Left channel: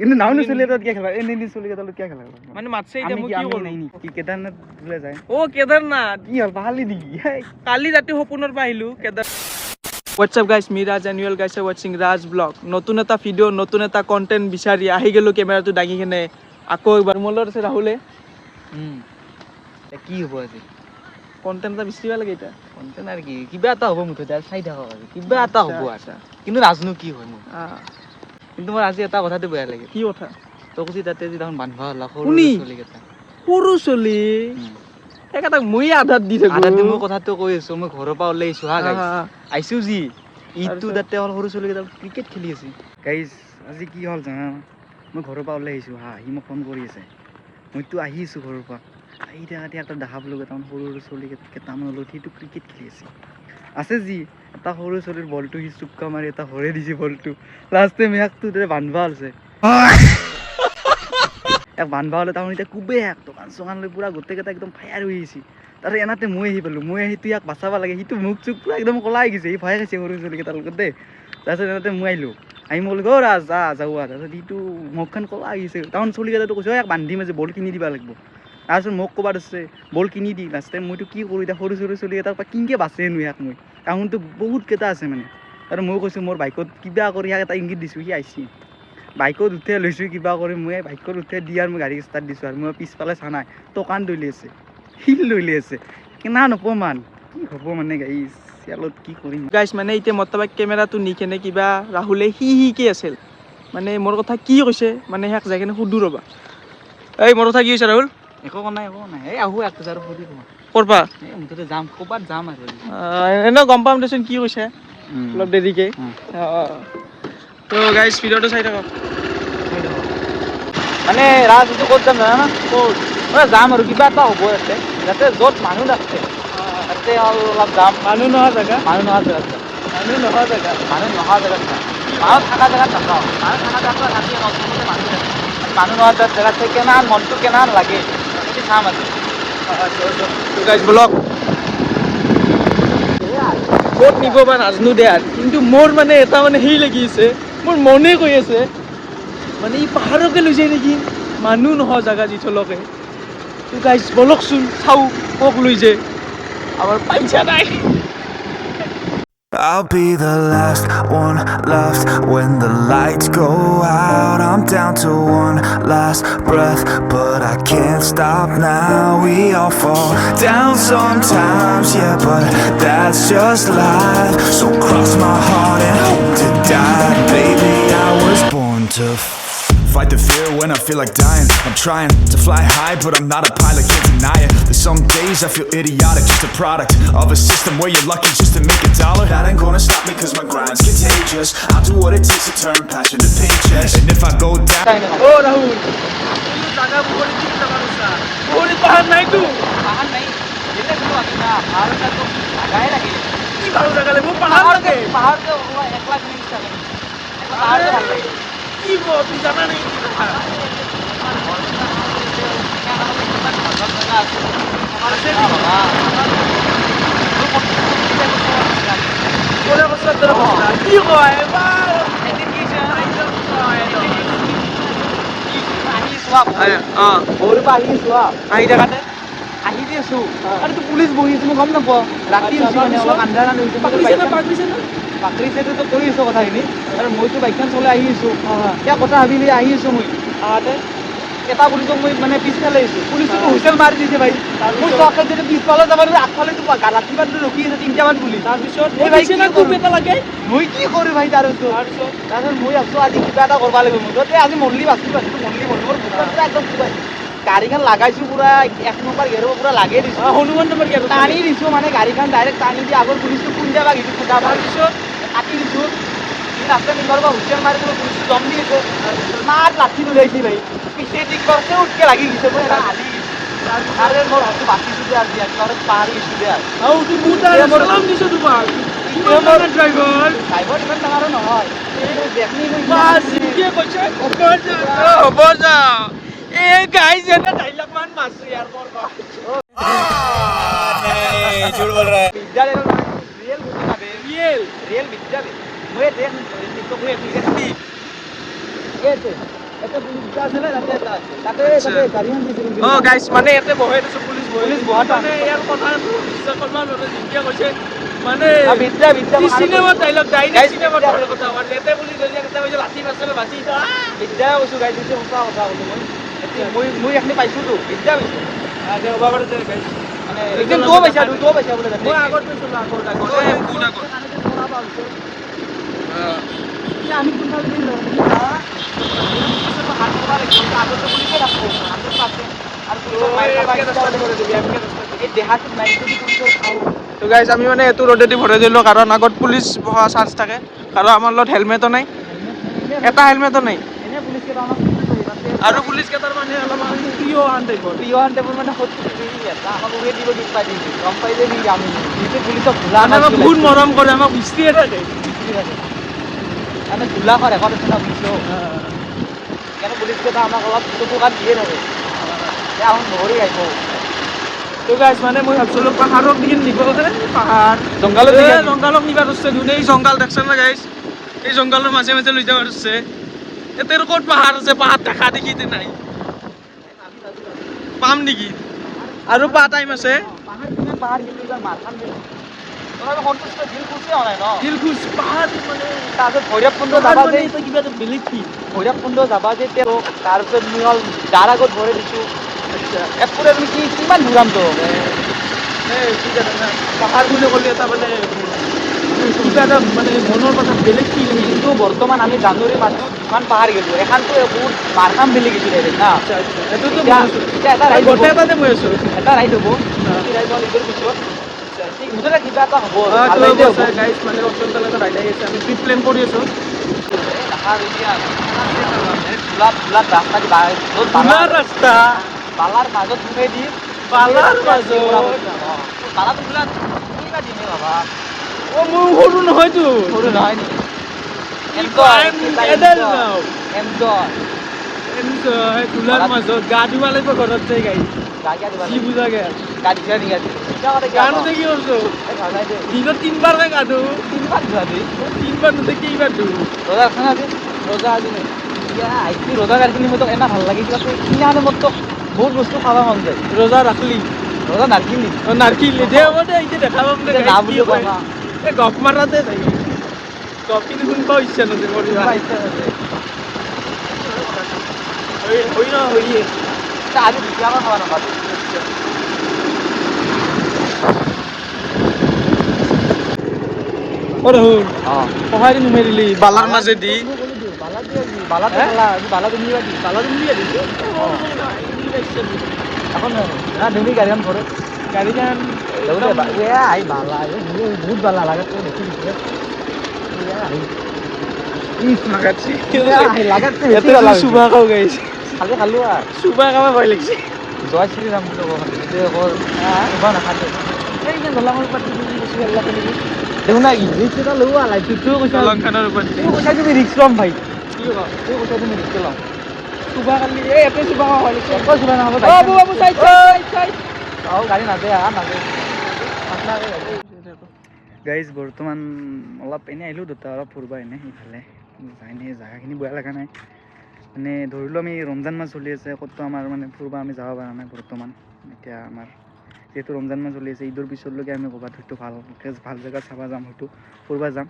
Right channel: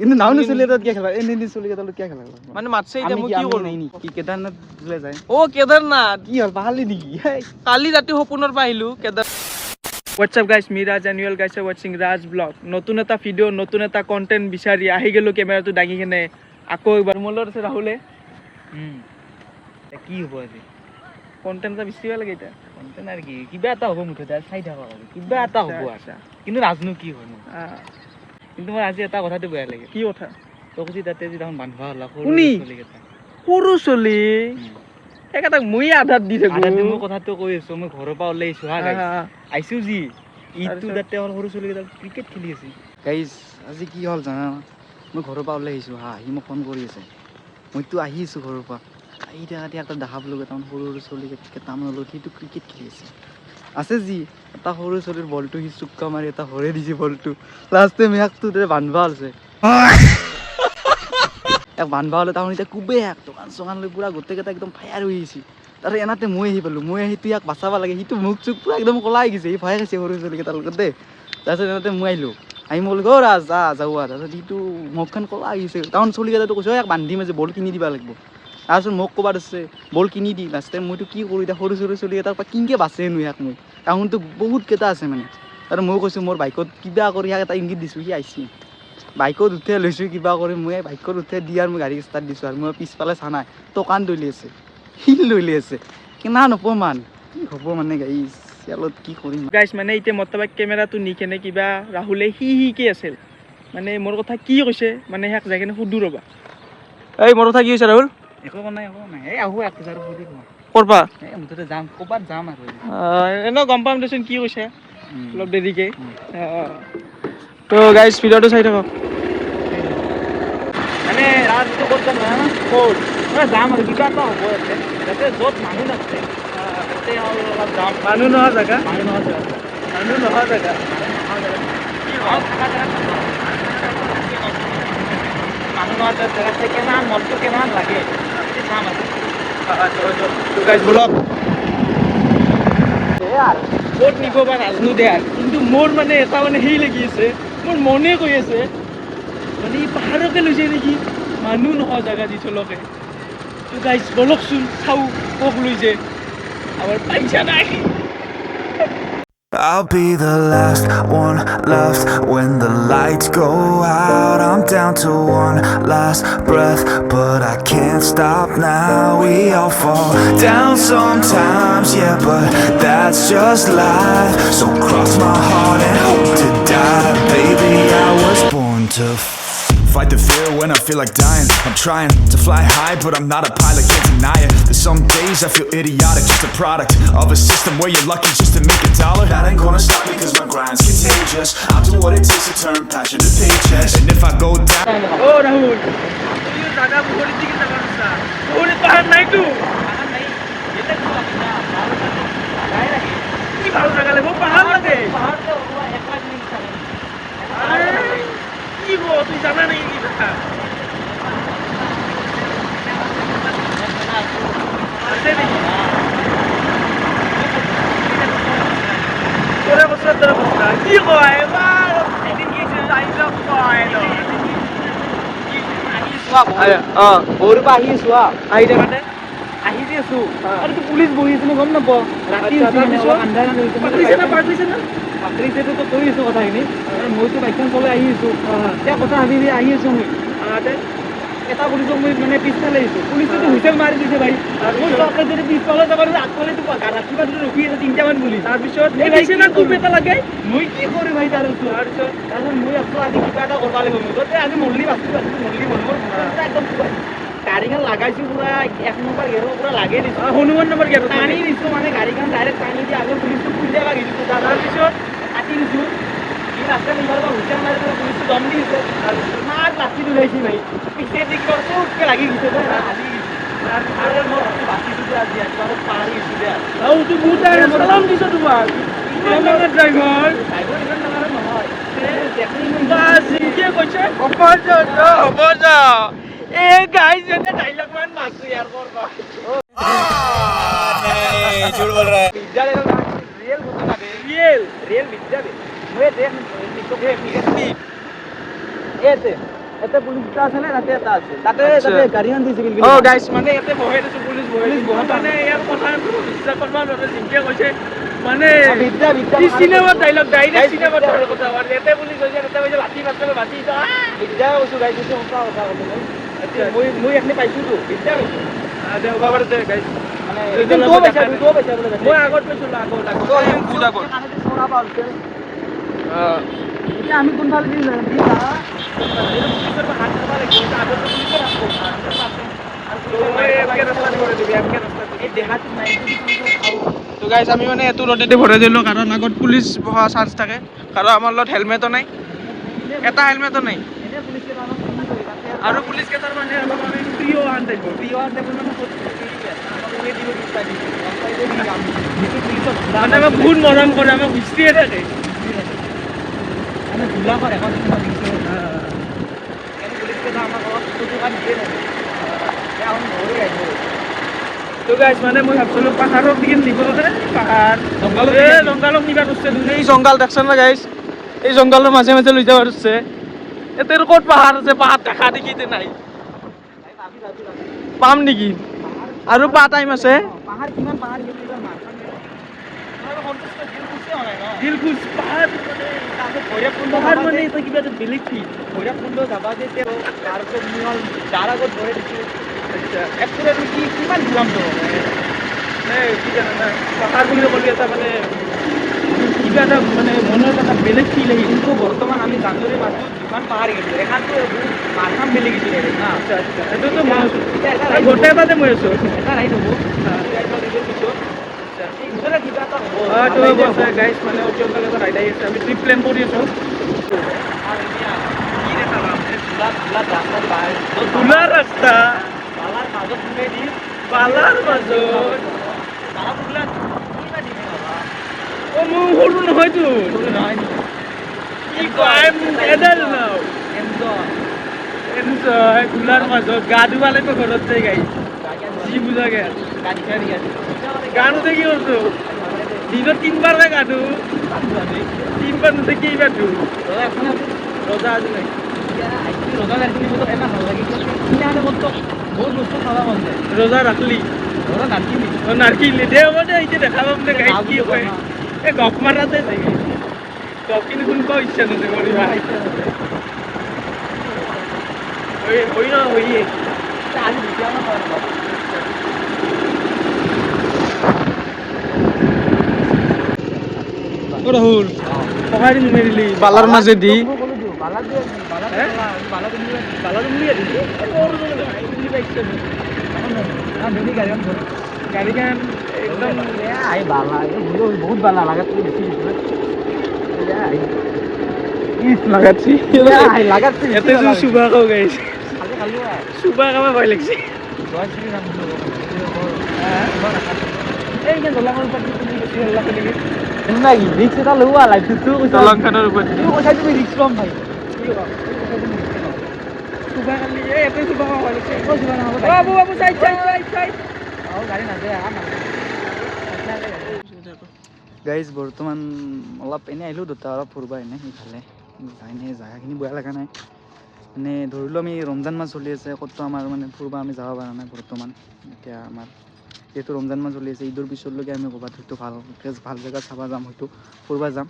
কিন্তু নাও নচলি তাত কিয় খেলা এনে এনে চলি তাত কিয় খেলা মানে মাতছে এতিয়া মই কি নাই নি কি কেদাৰনাথ বোলে যায় ও কেদাৰনাথ কি হল পাহালি নেকি কালি ৰাতি সপোনৰ পৰা আহিলো Kedar What's up guys, me Raj and you all guys are watching Raj vlog. নতুন এটা ভিডিও নতুন এটা কন্টেন্ট বিচাৰি আহি গেলো কেমেৰাটো দাঙি কেনে আকৌ এবাৰ মোলৰ আছে ৰাহুলে কি হ'ব আজি কন্টেন্ট এটা বিচাৰিব লাগে এটা কন্টেন্ট আৰু কি কিবা এটা হ'ব মুঠতে চাই থাকক আৰু কিবা এটা হ'ব আচ্ছা কিন্তু নাজনো কি হয়নো কিন্তু মোৰ আজি এটা কথাটো বেয়া লাগে কি কথা তোক যি তাতে যি তখন বান্ধবা হলা সৰু চলি এটা মই আধাত দি থাকো আধাত মই কথাটো কৈ আছো মই ঘৰৰ পৰা ওলাই আহিছো হা গাইছ আইছো যি ইটো তাতে সৰু চলি কেইটা ক্ৰিকেট খেলি আছে গাইছ আজি কি হ'ল জানা মই ঘৰৰ পৰা ওলাই আহিছো হা সি মোক ফোন কৰি আছে মইতো আহিছো ঘৰৰ পৰা আহি থাকাতে একটা দেখা পালো কেইটামান সৰু সৰু চলি কেইটামান লগত সিটো ক্ৰিকেট খেলি আছে যি এটা সৰু চলিৰ বলটো সি চুক্কা মাৰি এটা হৰে দিছে বলটো লাষ্টে মেহাকটো বান্ধবা আছে বান্ধবা হলে তাহলে এতিয়া কুবে দোকান চোকান লৈ পুৰা গোটেইকেইটা একদম ফায়াৰ হৈ গৈছে তাৰ এনাতে মই আহি পালো মই আহি ইয়াক বাচাব লাগে সিটো মুখ চুখ পুৰা একদম কলাই গৈছে সি ভয় খাইছে সৰু চলিকেইটাৰ লগত দেই তাৰপিছত এনাতে মই আহিলো আহি মই বোলো ৰাজ যা যাওঁ তাৰপিছত সিটো মুখখন কলা আহিছে তাহন চলিকেইটাতো কৈছে ইয়াক বান্ধিম যে বল কিনি দিব লাগিব তাৰপিছত মোক ক'বাত আছে বল কিনি দি লাষ্ট টাইম মইতো কি কৰোঁ এতিয়া সৰু সৰু চলিকেইটাৰ পৰা কিনকে বাচেনো ইয়াক মই তাহোনতো বহুত কেইটা আছে মানে আৰু মই কৈছোঁ মোৰ বাইকত কিবা কৰি ইয়াক এটা ইংগিত দিছোঁ সি আহিছে বাইকত উঠাই লৈছোঁ কিবা কৰি মই বাইকত উঠাই দি আৰু মই গাড়ী ষ্টাৰ্ট দিছোঁ আৰু মই পিছফালে চা নাই টকান দলি আছে শিল দলি আছে কিমান অপমান কি হ'ব মানে গাড়ী চেলত কি কৰিম গাইছ মানে এতিয়া মতলব কেমেৰাটো নি কেনে কিবা ৰাহুলে হি আছিল মানে মোৰ কথা কি কৈছে মানে ইয়াক যাই কেনে সুধো ৰ'বা এই মোৰ কথা কি হৈছে ৰাহুল একো নাই এই আহো এক হাজাৰ ফুৰি কৰবা এই মুঠতে যাম ক'ৰবাত যাম আৰু এনেও গম পাম দেচোন কি কৈছে অলপ দেৰিকে তো গাইছ ভিডিঅ'টো চাই থাকক মানে ৰাজটো ক'ত যাম জানা ক'ত মানে যাম আৰু কিবা এটা হ'ব ইয়াতে যাতে য'ত মানুহ নাথাকে তাতে অলপ যাম মানুহ নোহোৱা জেগা মানুহ নোহোৱা জেগাত মানুহ নোহোৱা জেগা থকা জেগাত নাপাওঁ মানুহ নোহোৱা জেগাত কেনান মনটো কেনান লাগে চাম আজি গাইছ ব্লগ ক'ত নিব বা নাজনো দে কিন্তু মোৰ মানে এটা মানে সেই লাগি আছে মোৰ মনে কৈ আছে মানে ই পাহাৰকে লৈছে নেকি মানুহ নোহোৱা জেগা যি চলকে তো গাইছ বলকচোন চাওঁ ক'ক লৈছে আমাৰ পইচা নাই I'll be the last one left when the lights go out. I'm down to one last breath, but I can't stop now. We all fall down sometimes, yeah, but that's just life. So cross my heart and hope to die. Baby, I was born to fight the fear when I feel like dying. I'm trying to fly high, but I'm not a pilot, can't deny it. There's some days I feel idiotic, just a product of a system where you're lucky just to make a dollar. That ain't gonna stop me cause my grind's contagious. I'll do what it takes to turn passion to paychecks. And if I go down Oh Rahul, you jaga buhuri ki jaga rusa buhuri pahar nai tu ki bhalo jaga le wo pahar lage are কি গো তুই জানা নেই কি দেখা ওরে বছর ধরে বসা কি কয় এবার সাইজ কয় লস আহি চোৱা ওৰে বাহি সোয়া আই জায়গাতে আহি দি আছো আৰু তো পুলিচ বহি আছে গম নাপাওঁ ৰাতি আন্ধাৰা হৈছে পাকৰিছে না পাকৰিছেতো তো কৰি আছো কথাখিনি আৰু মইতো বাইকখন চলাই আহি আছো এতিয়া কথা ভাবি আহি আছো মই এটা পুলিচক মই মানে পিছফালে আহিছো পুলিচটো হুইচেল মাৰি দিছে ভাই তাৰপিছত যেতিয়া পিছফালে যাব আগফালে ৰাতিপুৱা ৰখি আছে 3টামান পুলিচ তাৰপিছত এই ভাইছে না খুব এটা লাগে মই কি কৰোঁ ভাই তাৰপিছত মই আছো আজি কিবা এটা কৰিব লাগিব যদি আজি মল্লি বাচি মনৰ একদম গাড়ীখন লাগাইছো পুৰা 1 নম্বৰ গেৰৰ পুৰা লাগি দিছো হনুমান নম্বৰ গেৰ টানি দিছো মানে গাড়ীখন ডাইৰেক্ট টানি দি আগৰ পুলিচটো খুন্দিয়া লাগিছো তাৰপিছত কাটি দিছো ৰাস্তাত তোমাৰ হুইচেল মাৰি পুলিচ দম দিছে মাৰ লাঠি ওলাইছি ভাই পিছে কি কৰছে উঠকে লাগি দিছে আৰে মোৰ হয়তো বাচিছো দিয়া আজি ঘৰত পাহাৰি দিছো দিয়া তুই মুটা সালাম দিছো তোমাক আমাৰ ড্ৰাইভাৰ এখন তোমাৰো নহয় দেখি বাস ইকে কইছে অকল হ'ব যা এ গাইস এটা ডায়লগ মান মারছি यार করবা नहीं झूठ बोल रहा है रियल मुझे लगे ৰিয়েল ৰিয়েল বিদ্যাৰে মই দেখ টিকটক স্পীড এতে এটা পুলিচ দুটা আছে না তাতে এটা আছে তাতে গাড়ীখন দিছে কিন্তু অ গাইছ মানে ইয়াতে বহাই দিছো পুলিচ বহাই মানে ইয়াৰ কথা বিশ্বাস কৰিব নোৱাৰে যেনেকে কৈছে মানে চিনেমা ডাইলগ চিনেমা কথা মানে ইয়াতে পুলিচ গৈছে তাতে কৈছে লাঠি মাৰিছে বাজি বিদ্যাই কৈছো গাইছ দিছে সঁচা কথা কৈছে মই এখনি পাইছোতো বিদ্যা কৈছো আচ্ছা বাবাৰ দে গাইছ একদম দুটো পইচা বোলে মই আগত পাইছিলো আগত বহুত আগত এতিয়া আমি কোনফালে দি পুলিচৰ হাত ধৰা লাগিব আগত তো গাইজ আমি মানে এইটো ৰ'দেদি ভৰাই দিলোঁ কাৰণ আগত পুলিচ বহা চান্স থাকে কাৰণ আমাৰ লগত হেলমেটো নাই এটা হেলমেটো নাই আৰু পুলিচ কেইটাৰ মানে অলপ আমি প্ৰিয় আন টাইপৰ মানে আমাক বহুত মৰম কৰে আমাক বিচৰিয়ে থাকে ধূলা কৰে পুলিচ কেইটা আমাক অলপ চকু কাট দিয়ে থাকে আমি নহৰি লাগিব তো গাইজ মানে মই ভাবছিলোঁ পাহাৰৰ দিন নিব পাহাৰ জংঘালক নিবা ধৰছে ধুনীয়া এই জংঘাল দেখছে না গাইজ এই জংঘালৰ মাজে মাজে লৈ যাব ধৰছে এতিয়া ক'ত পাহাৰ আছে পাহাৰ দেখা দেখি নাই পাম নেকি আৰু পা টাইম আছে পাহাৰ কিমান পাহাৰ কিলোমিটাৰ মাৰখান দিল খুচ পাহাৰ মানে তাৰপিছত ভৈৰৱকুণ্ড পাহাৰ যাবা মানে যে এটা কিবা এটা বেলেগ কি ভৈৰৱকুণ্ড যাবা যে তাৰপিছত মই হ'ল যাৰ আগত ভৰাই দিছোঁ আচ্ছা এপুৰে কি কিমান ঘূৰামতো কি জানা না পাহাৰ বুলি ক'লে এটা মানে কিবা এটা মানে মনৰ কথা বেলেগ ফিল আহি কিন্তু বৰ্তমান আমি জানুৱাৰী মাহত যিমান পাহাৰ গ'লোঁ এখানতে বহুত মাৰখাম বেলি গৈছে ডাইৰেক্ট না আচ্ছা আচ্ছা এইটোতো মই আছোঁ এতিয়া এটা আৰু গোটেই এটাতে মই আছোঁ এটা ৰাইড হ'ব ৰাইড হ'ল ইণ্টাৰ পিছত মুঠতে কিবা এটা হ'ব তো হ'ব চাই গাইজ মানে অচল ফালে এটা ৰাইড আহি আছে আমি ট্ৰিপ প্লেন কৰি আছোঁ ধূলাৰ ৰাস্তা বালাৰ মাজত সোমাই দি পালাৰ মাজত বালাটো বোলা কিবা দিন বাবা অ' মোৰ সৰু নহয়তো সৰু নহয় কি কয় এডাল নাও এনজয় এনজয় ধূলাৰ মাজত গা ধুব লাগিব ঘৰত যাই গাই কি বুজা গে গান উঠে কি কৰিছোঁ দিনত তিনিবাৰকৈ গা ধু তিনিবাৰ নুঠে কেইবাৰ ধু ৰজা আজি নাই ৰজা গানখিনি মোৰ এটা ভাল লাগে কিনা মতো বহুত বস্তু খাব মন যায় ৰজা ৰাখলি ৰজা নাৰকিনি অঁ নাৰকিলি দে হ'ব দে এতিয়া দেখা পাম দে গাইছ কি কয় এই গপ মাৰাতে থাকে গপ কিন্তু শুনিব ইচ্ছা নকৰিব দিবা হৈ ন হৈয়ে আজি বিছামান খাব নাপাব অঁ ৰাহুল পকাই নুমাই দিলি বালাৰ মাজেদি বালা তুমি দিলি গাড়ীখন ঘৰত গাড়ীখন একদম আহি বালা বহুত বালা লাগাত বেছি দিছিলে ইয়াতে যদি চুবা খাওঁ গাইছে খালো খালো চুবা খাব ভয় লাগিছে জয় শ্ৰীৰাম এই ইমান দলঙৰ ওপৰত তুমি বেছি ভাল লাগে নেকি দেখোন নাই কি ৰিক্স এটা লোৱা লাইফটোও কৈছা দলংখনৰ ওপৰত পইচা তুমি ৰিক্স ল'ম ভাই কি ক'বা পইচা তুমি ৰিক্স ল'ম চুবা কালি এই ইয়াতে চুবা খাব ভয় লাগিছে ক'ত চুবা নহ'ব বাবু বাবু চাইড চাইড চাইড গাড়ী নাযায় গাইজ বৰ্তমান অলপ এনেই আহিলোঁ দুটা অলপ ফুৰিব এনেই ইফালে এনেই জেগাখিনি বেয়া লগা নাই মানে ধৰিলোঁ আমি ৰমজান মাহ চলি আছে ক'তো আমাৰ মানে ফুৰিব আমি যাব পৰা নাই বৰ্তমান এতিয়া আমাৰ যিহেতু ৰমজান মাহ চলি আছে ঈদৰ পিছলৈকে আমি ক'ৰবাত হয়তো ভালকৈ ভাল জেগাত চাব যাম হয়তো ফুৰিব যাম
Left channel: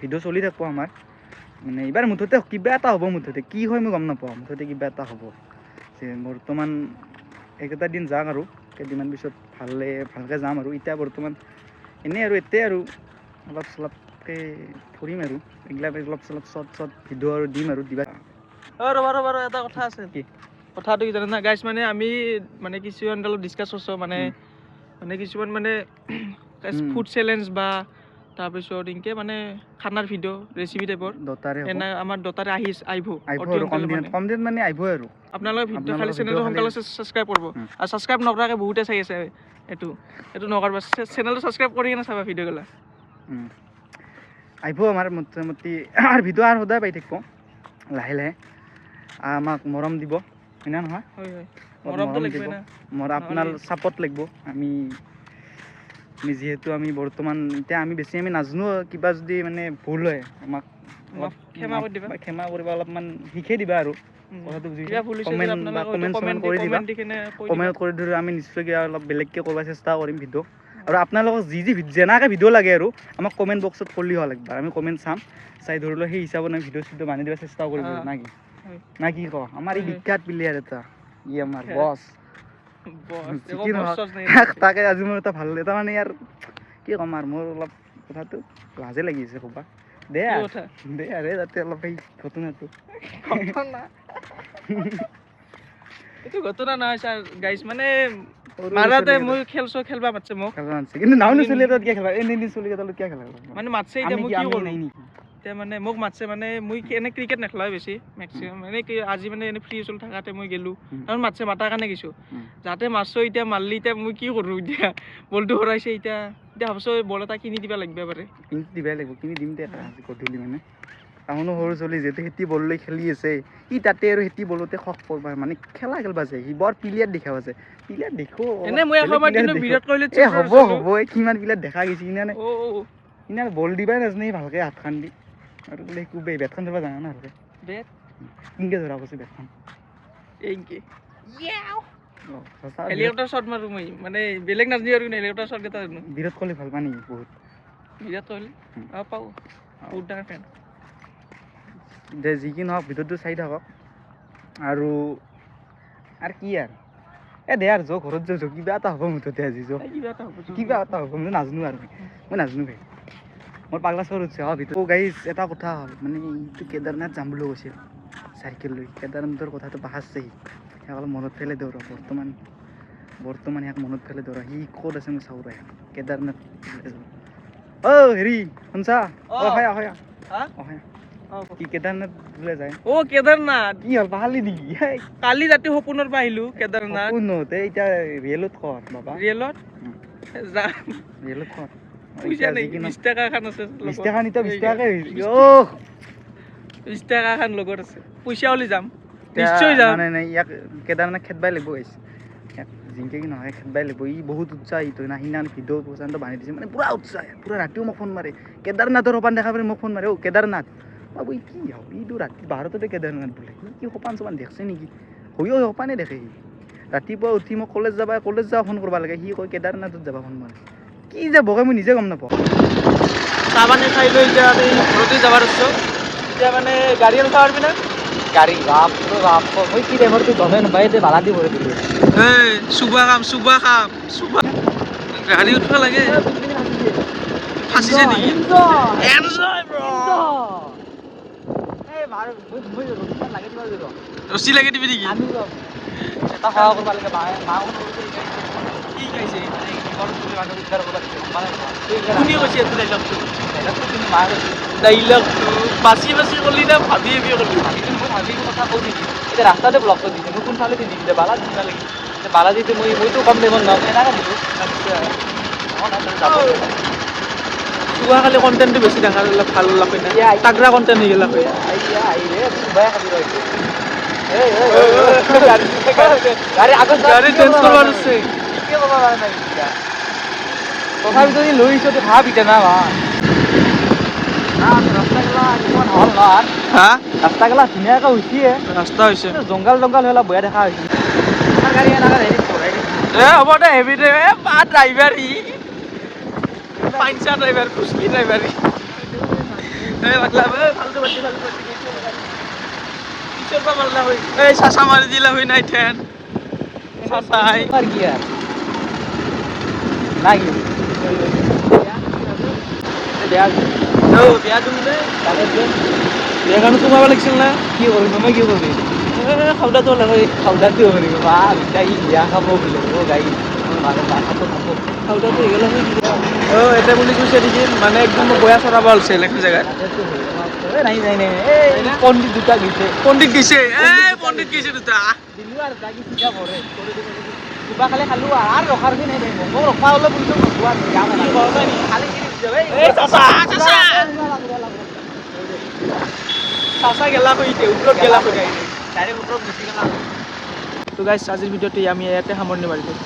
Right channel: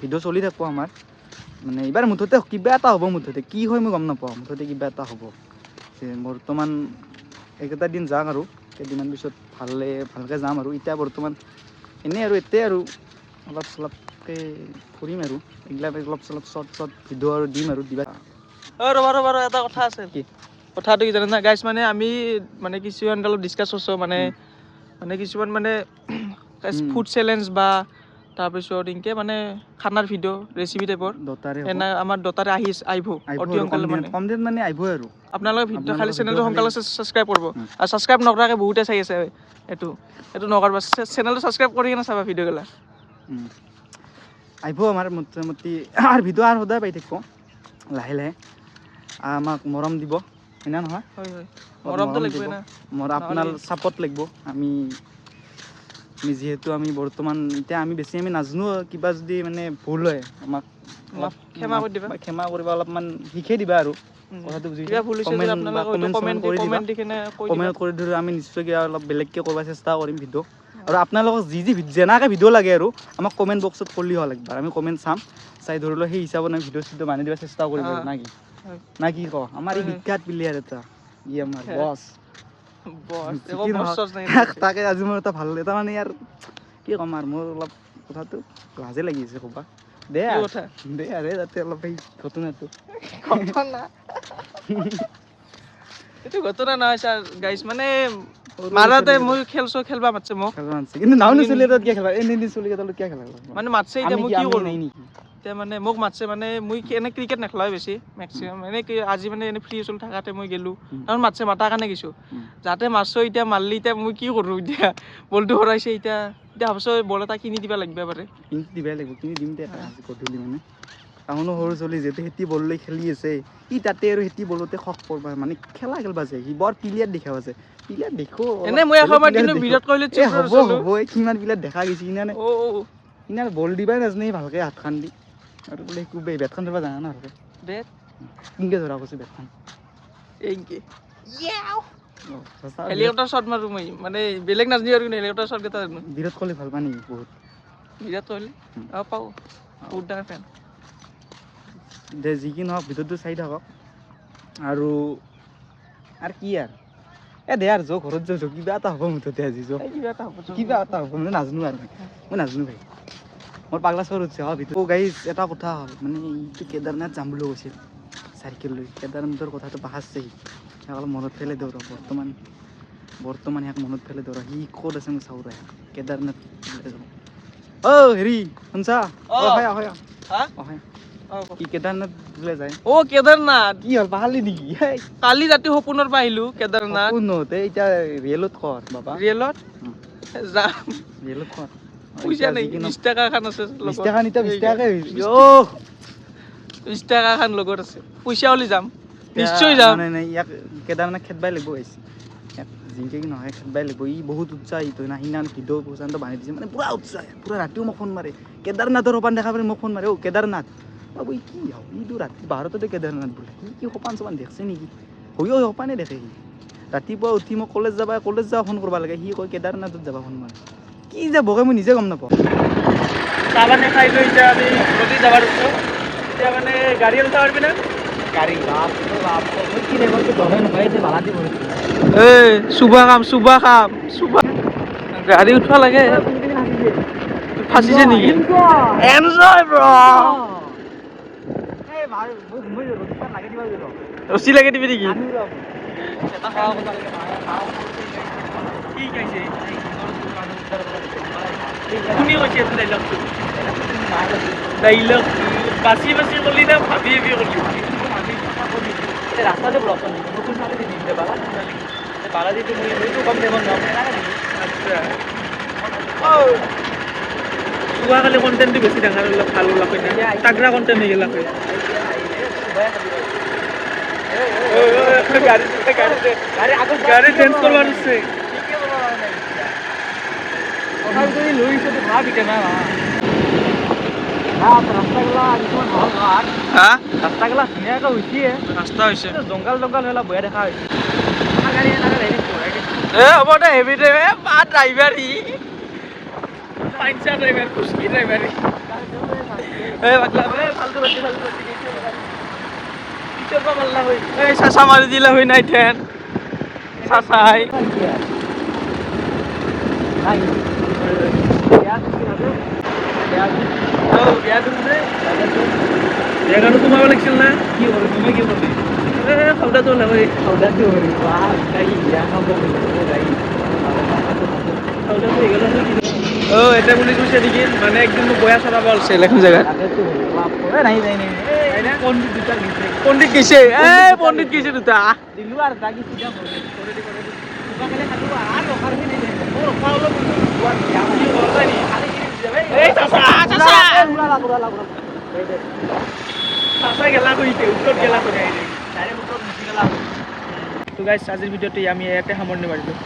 ভিডিঅ' চলি থাকিব আমাৰ মানে এইবাৰ মুঠতে কিবা এটা হ'ব মুঠতে কি হয় মই গম নাপাওঁ মুঠতে কিবা এটা হ'ব যে বৰ্তমান এইকেইটা দিন যাওক আৰু কেইদিনমান পিছত ভালকৈ যাম আৰু এতিয়া বৰ্তমান এনেই আৰু এতিয়াই আৰু অলপ চলপকৈ ফুৰিম আৰু এইগিলাক অলপ চলপ চৰ্ট ভিডিঅ' আৰু দিম আৰু দিবা ৰ'বা এটা কথা আছে কি কথাটো কি জানে না গাইছ মানে আমি মানে কিছুমান অলপ ডিছকাছ কৰিছোঁ মানে কিছুমান মানে ফুড চেলেঞ্জ বা তাৰপিছত এনেকৈ মানে খানাৰ ভিডিঅ' ৰেচিপি টাইপৰ এনে আমাৰ দতাৰে আহিব কম দিন মানে আহিবই আৰু আপোনালোকে খালি চেনেলটো সোনকালে ছাবস্ক্ৰাইব কৰিব আৰু ছাবস্ক্ৰাইব নকৰাকৈ বহুতে চাই আছে এইটো নকৰিবা চেনেলটো ছাবস্ক্ৰাইব কৰি কিনে চাবা ভিডিঅ'গিলা আহিব আমাৰ মোটামুটি ভিডিঅ' আৰু সদায় পাই থাকিব লাহে লাহে আমাক মৰম দিব হয়নে নহয় হয় মৰম দিব আপোনাৰ ছাপৰ্ট লাগিব আমি আমি যিহেতু আমি বৰ্তমান এতিয়া আমি বেছি আমি নাজানো কিবা যদি মানে ভুল হয় আমাক অলপ ক্ষমা কৰি দিবা। ক্ষমা কৰিবা অলপমান শিকাই দিবা আৰু কথাটো বুজিছা কিবা ভুল হৈছে যদি কমেণ্ট বা আপোনালোকে কমেণ্ট কৰি দিবা কমেণ্ট দি কিনে কৈ দিবা। কমেণ্ট কৰি ধৰি আমি নিশ্চয় কিবা অলপ বেলেগকৈ কৰিব চেষ্টা কৰিম ভিডিঅ' আৰু আপোনালোকক যি যেনেকৈ ভিডিঅ' লাগে আৰু আমাক কমেণ্ট বক্সত কৰিলে হ'ল একবাৰ আমি কমেণ্ট চাম চাই ধৰি লওক সেই হিচাপত আমি ভিডিঅ' চিডিঅ' বান্ধি দিব চেষ্টা কৰিম আৰু না কি না কি ক আমাৰ এই বিখ্যাত প্লেয়াৰ এটা ই আমাৰ বছ কি নহওক তাকে আজি মোৰ এটা ভাল এটা মানে ইয়াৰ কি ক'ম আৰু মোৰ অলপ কথাটো লাজে লাগিছে ক'বা দে আৰু যাতে অলপ সেই ঘটনাটো এইটো ঘটনা নহয় ছাৰ গাইছ মানে মাৰাতে মই খেলবা মাতছে মোক কিন্তু নাও নচলি এটা কিয় খেলা এনে চলি এটা কিয় খেলা মানে মাতছে এতিয়া মই কি কৰোঁ এতিয়া মানে মোক মাতছে মানে মই এনে ক্ৰিকেট নেখেলাওঁ বেছি মেক্সিমাম এনে কি আজি মানে এনে ফ্ৰী চলি থাকাতে মই গেলোঁ তাৰমানে মাতছে মাতাৰ কাৰণে গৈছোঁ যাতে মাৰছো এতিয়া মাৰলি এতিয়া মই কি কৰোঁ এতিয়া বলটো হৰাইছে এতিয়া ভাবছোঁ বল এটা কিনি দিবা লাগিব পাৰে কিনি দিবাই লাগিব কিনি দিম দে আজি গধূলি মানে টাউনো সৰু চলি যিহেতু সেতি বল লৈ খেলি আছে সি তাতে আৰু সেতি বলতে খক কৰবা মানে খেলা যায় সি বৰ প্লেয়াৰ দেখাব আছে প্লেয়াৰ দেখো এনে মই এসময়ত কিন্তু বিৰাট কোহলি হ'ব কিমান প্লেয়াৰ দেখা গৈছে কিনে কিনে বল দিবাই নাজানে ভালকে হাতখন দি আৰু বোলে কুবেই বেটখন ধৰিব জানা না ভালকে বেট কিনকে ধৰা কৈছে বেটখন এইকে হেলিকপ্টাৰ শ্বট মাৰো মই মানে বেলেগ নাজানি আৰু হেলিকপ্টাৰ শ্বট এটা বিৰাট কোহলি ভাল পায় নেকি বহুত বিৰাট কোহলি পাওঁ বহুত ডাঙৰ ফেন দে যি কি নহওক ভিডিঅ'টো চাই থাকক আৰু কি আৰু দে আৰু যৌ ঘৰত যাওঁ কিবা এটা হ'ব মুঠতে আজি যৌ কিবা এটা হ'ব মই নাজানো আৰু মই নাজানো ভাই মোৰ পাগলা চৰ উঠছে ভিতৰত গাইজ এটা কথা হ'ল মানে এইটো কেদাৰনাথ যাম বুলি কৈছিল চাইকেল লৈ কেদাৰনাথৰ কথাটো পাহাৰছে সি অলপ মনত পেলাই দিওঁ বৰ্তমান ইয়াক মনত পেলাই দিওঁ সি ক'ত আছে মই চাওঁ কেদাৰনাথ হেৰি শুনছা কি কেদাৰনাথ বোলে যায় কেদাৰনাথ কি হ'ল পাহাৰলি নেকি কালি ৰাতি সপোনৰ পৰা আহিলোঁ কেদাৰনাথ সপোনতে এতিয়া ৰিয়েলত কৰ বাবা ৰিয়েলত যাম ৰিয়েলত কৰ পইচা নাই 20 টকা খান আছে 20 টকা নিতা 20 টকাকে 20 টকা খান লগত আছে পইচা ওলি যাম নিশ্চয় যাম নাই ইয়াক কেদাৰনাথ খেদবাই লাগিব আহিছে ইয়াক জিংকে কি নহয় খেদবাই লাগিব ই বহুত উৎসাহিত হয় না সিদিনা ভিডিঅ' পৰ্যন্ত বান্ধি দিছে মানে পুৰা উৎসাহ পুৰা ৰাতিও মোক ফোন মাৰে কেদাৰনাথৰ সপান দেখা পালে মোক ফোন মাৰে কেদাৰনাথ বাবু কি হওক ইটো ৰাতি ভাৰততে কেদাৰনাথ বোলে কি সপান চপান দেখছে নেকি হৈও সপানে দেখে সি ৰাতিপুৱা উঠি মোক কলেজ যাব ফোন কৰিব লাগে সি কয় কেদাৰনাথত যাবা ফোন মাৰে কি যে বকে মই নিজে গম নাপাওঁ চাহ পানী খাই লৈ এতিয়া আমি ঘৰতে যাবাৰ আছোঁ এতিয়া মানে গাড়ী উঠা পাৰবি না গাড়ী কি টাইমততো গমে নাপায় যে ভাড়া দিব চুবা খাম গাড়ী উঠবা লাগে ফাঁচিছে নেকি এনজয় ব্ৰ ৰছী লাগে দিবি নেকি কোনে কৈছে এইটো ডাইলগটো বাচি ক'লি না ভাবি ক'লি ৰাস্তাতে ব্লক কৰি দিছে মই কোনফালে দিছে বালাজীতে মইতো কম টাইমত নাম আচ্ছা যোৱাকালি কণ্টেণ্টটো বেছি দেখা ভাল লাগে তাগৰা কণ্টেণ্ট হৈ গেলা গাড়ী চেঞ্জ কৰিব আছে যদি লৈ আহিছে ভাব এতিয়া না ৰাস্তাগিলা হল না ৰাস্তাগিলা ধুনীয়াকৈ উঠিয়ে ৰাস্তা হৈছে জংঘল হ'লে বেয়া দেখা হৈছে হ'ব দে হেভি দে ড্ৰাইভাৰ ই পাঞ্চা ড্ৰাইভাৰ ফুচকি ড্ৰাইভাৰ চাচা মাৰি দিলে হৈ নাই ঠেন চাচাই বিয়াখানো সোমাব লাগিছিল না কি হ'ল মই কি কৰিম খাওদাটো লাগে খাওদাটো কৰিম বিয়া খাব গাড়ী এটা বুলি কৈছে নেকি মানে একদম মোক বয়া চলাব ওলছে এখন জেগাত পণ্ডিত দুটা গৈছে পণ্ডিত গৈছে পণ্ডিত গৈছে দুটা দিলো আৰু দাগি চিধা কৰে কিবা খালে খালো আৰু ৰখাৰ কি মোক ৰখা হ'লে চাচা গেলা কৰিছে ওপৰত গেলা কৰি আজিৰ ভিডিঅ'টো আমি ইয়াতে সামৰণি মাৰিলোঁ